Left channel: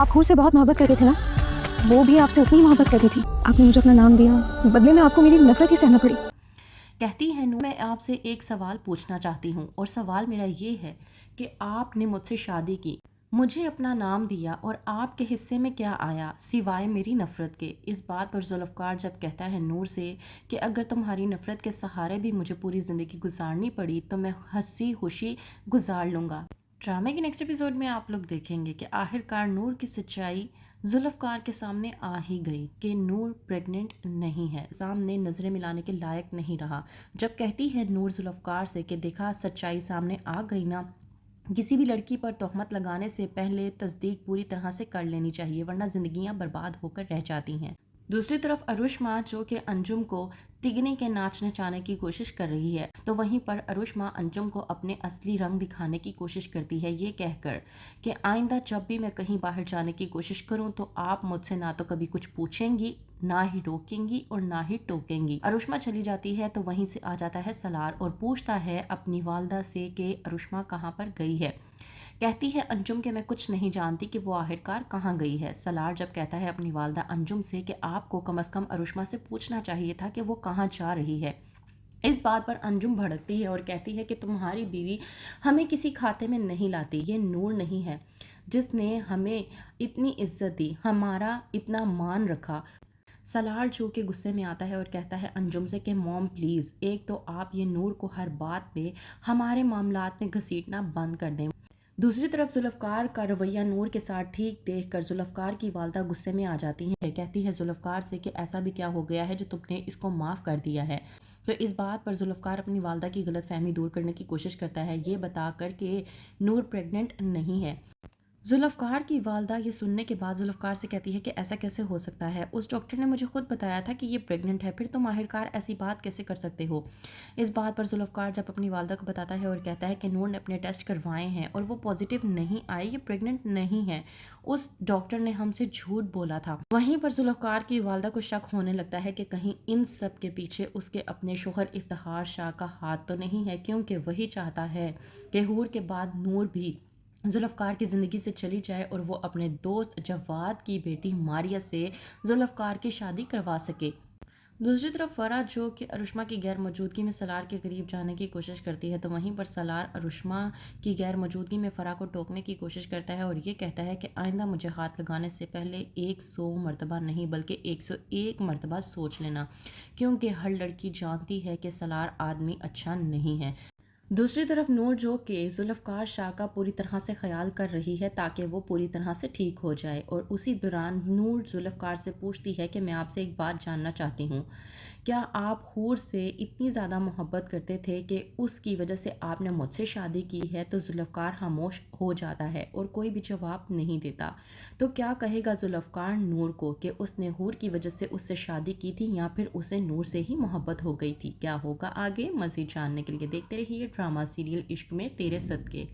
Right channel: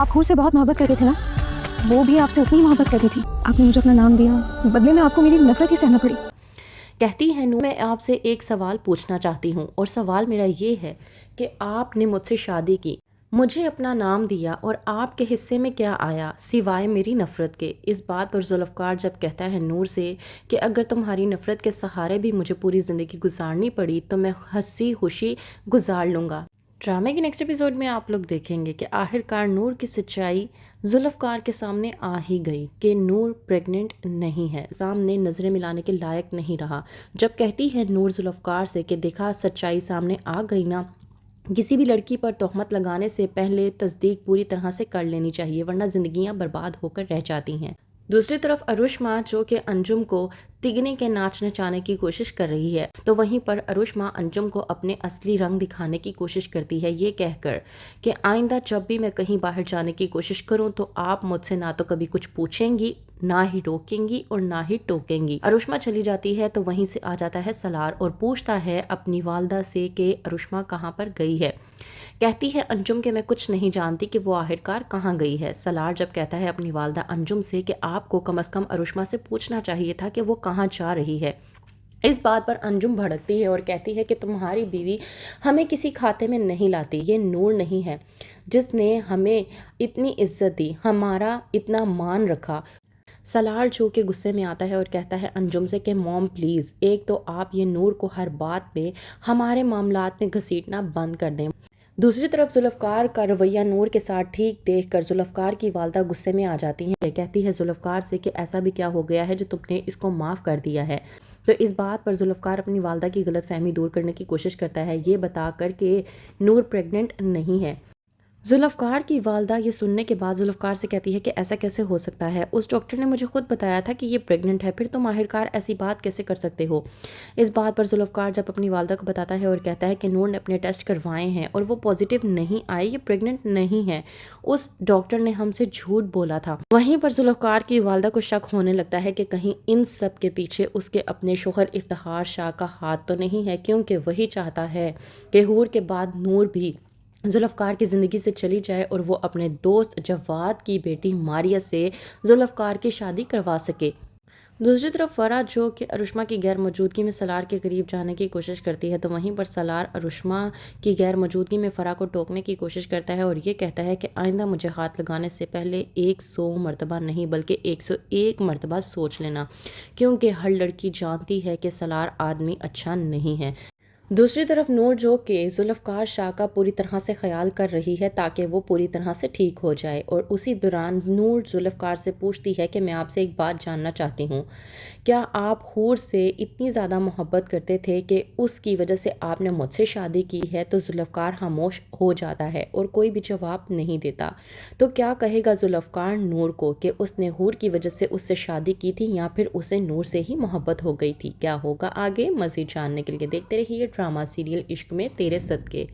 आप हूर से बहुत मोहब्बत करते थे ना, वो भी आपसे उतनी मोहब्बत करती थी। आपने मुझे अपना नाम दिया, बदले में आपको मेरी नफरत ही सहना पड़ी। कहती है नूर, मैं आपसे एक सवाल पूछना चाहती हूँ और सवाल मेरा ये है कि आपने मुझसे शादी की, मुझे अपना नाम दिया और आपके हिस्से में क्या आया सिवाय मेरी नफ़रत के। इस बात पर जुल्फ़कार जब कहता है नूर से कि अगर तुम्हारी नफ़रत के सहारे भी मुझे पूरी ज़िंदगी गुजारनी पड़ी तो मैं हंसी खुशी गुजार लूँगा। ड्रामे के नेक्स्ट एपिसोड में आप लोग देखेंगे कि आखिरकार नूर की सच्चाई जुल्फ़कार के सामने आ ही गई कि नूर प्रेग्नेंट नहीं है, सामने नज़रें मिलाने के लायक नहीं रहा। जब कहती है नूर जुल्फ़कार से कि देखा सच्चाई सामने आ गई ना, किसी भी लड़की पर तोहमत लगाने से पहले तस्दीक पूरी तरह से कर लेनी चाहिए वरना ज़िंदगियां बर्बाद होकर रह जाती हैं। दूसरी तरफ अरुषमा जो कि अंजुम को तिगने के नाच नचाने की कोशिश कर रही है, तो वहीं पर अरुषमा अंजुम को अपने असली रंग दिखाने की कोशिश करती है, ये कहकर कि आइंदा जब भी मैं कहीं बाहर जाने की कोशिश करूं तो आप मुझसे ना तो कभी कुछ पूछेंगी, ना ही रोकेंगी और ना ही टोकेंगी। अरुषमा चली जाती है तो वहीं से आ जाता है सलार और पूछता है अपनी वालदा से कि अरुषमा कहाँ पर गई है। कहती है अंजुम कि मैं कुछ नहीं जानती कि वो आखिरकार कहाँ गई है। सलार जब कहता है अपनी वालदा अंजुम से कि आपको कम से कम अरुषमा से पूछना चाहिए था कि वो कहाँ जा रही है। इस बात पर अंजुम भड़कती है और कहती है कि तुम्हारी बीवी हमें किसी खाते में नहीं लाती, ये नूर नहीं है जिसने हमें इतनी इज्जत दी, हमारा इतना मान रखा। सलार जो के गुस्से में आता है और कहता है अंजुम से कि मॉम प्लीज़, एक तो आप ये नूर को हर बात पे हमारे मामलात में घसीटना बंद कर दें। दूसरी तरफ जुल्फ़कार का रवैया नूर के साथ ठीक देखकर जुल्फ़कार की वालदा गुस्से में आ जाती हैं। कहती है जुल्फ़कार से कि ऐसा भी क्या हो गया है जो तुमने इसको माफ़ कर दिया है। तो इस बात पर जुल्फ़कार अपनी वालदा की गलतफहमी दूर करने की कोशिश करता है, ये बता कर कि नूर प्रेग्नेंट नहीं है। जुल्फ़कार की वालदा ये सुनने के बाद जुल्फ़कार से कहती है कि ऐसा कैसे हो सकता है, उस डॉक्टर ने मुझे खुद बताया था कि ये प्रेग्नेंट है, फिर तुम आखिरकार ऐसी बात कैसे कर सकते हो। इस बात पर जुल्फ़कार जब अपनी वालदा को बताता है और कहता है कि नूर ने अपने टेस्ट करवाए हैं और वो पॉजिटिव नहीं आए, ये प्रेग्नेंट नहीं है, उस डॉक्टर ने हमसे झूठ बोला था। वहीं पर जुल्फ़कार की वालदा को शक होने लगता है कि कहीं इन सब के पीछे उसके अपने शोहर इफ्तिखार शाह का हाथ तो नहीं है, क्योंकि वही चाहता है कि हूर के बाद नूर भी जुल्फ़कार की ज़िंदगी से चली जाए और वो अपने दोस्त जवाद की बेटी मारिया से जुल्फ़कार की शादी करवा सके। दूसरी तरफ फ़रा जो कि अरुषमा की गैर मौजूदगी में सलार के करीब जाने की कोशिश करती है, तो वहीं पर सलार अरुषमा की गैर मौजूदगी में फ़रा को टोकने की कोशिश करता है और ये कहता है कि आइंदा मुझे हाथ लगाने से पहले 100 मरतबा नहीं बल्कि 101 मरतबा सोच लेना, क्योंकि हर लड़की जानती है कि सलार आदमी अच्छा नहीं है। दूसरी तरफ नूर जो कि जुल्फ़कार शाह का पूरी तरह से ख्याल कर रही है ताकि वो पूरी तरह से ठीक हो जाए, और उसी दौरान नूर जुल्फ़कार से पूछती है कि मैं आपसे एक बात जानना चाहती हूँ, क्या आप हूर से इतनी ज़्यादा मोहब्बत करते थे कि उसकी वजह से आपने मुझसे शादी की है। तो जुल्फ़कार खामोश हो जाता है और कोई भी जवाब नहीं देता। तो क्या कहेगा जुल्फ़कार नूर को कि उसने हूर की वजह से उससे शादी की थी या फिर उसे नूर से ही मोहब्बत हो गई थी। क्या होगा आगे, मज़ीद जानने के लिए देखते रहिए ड्रामा सीरियल इश्क में तेरे सदके।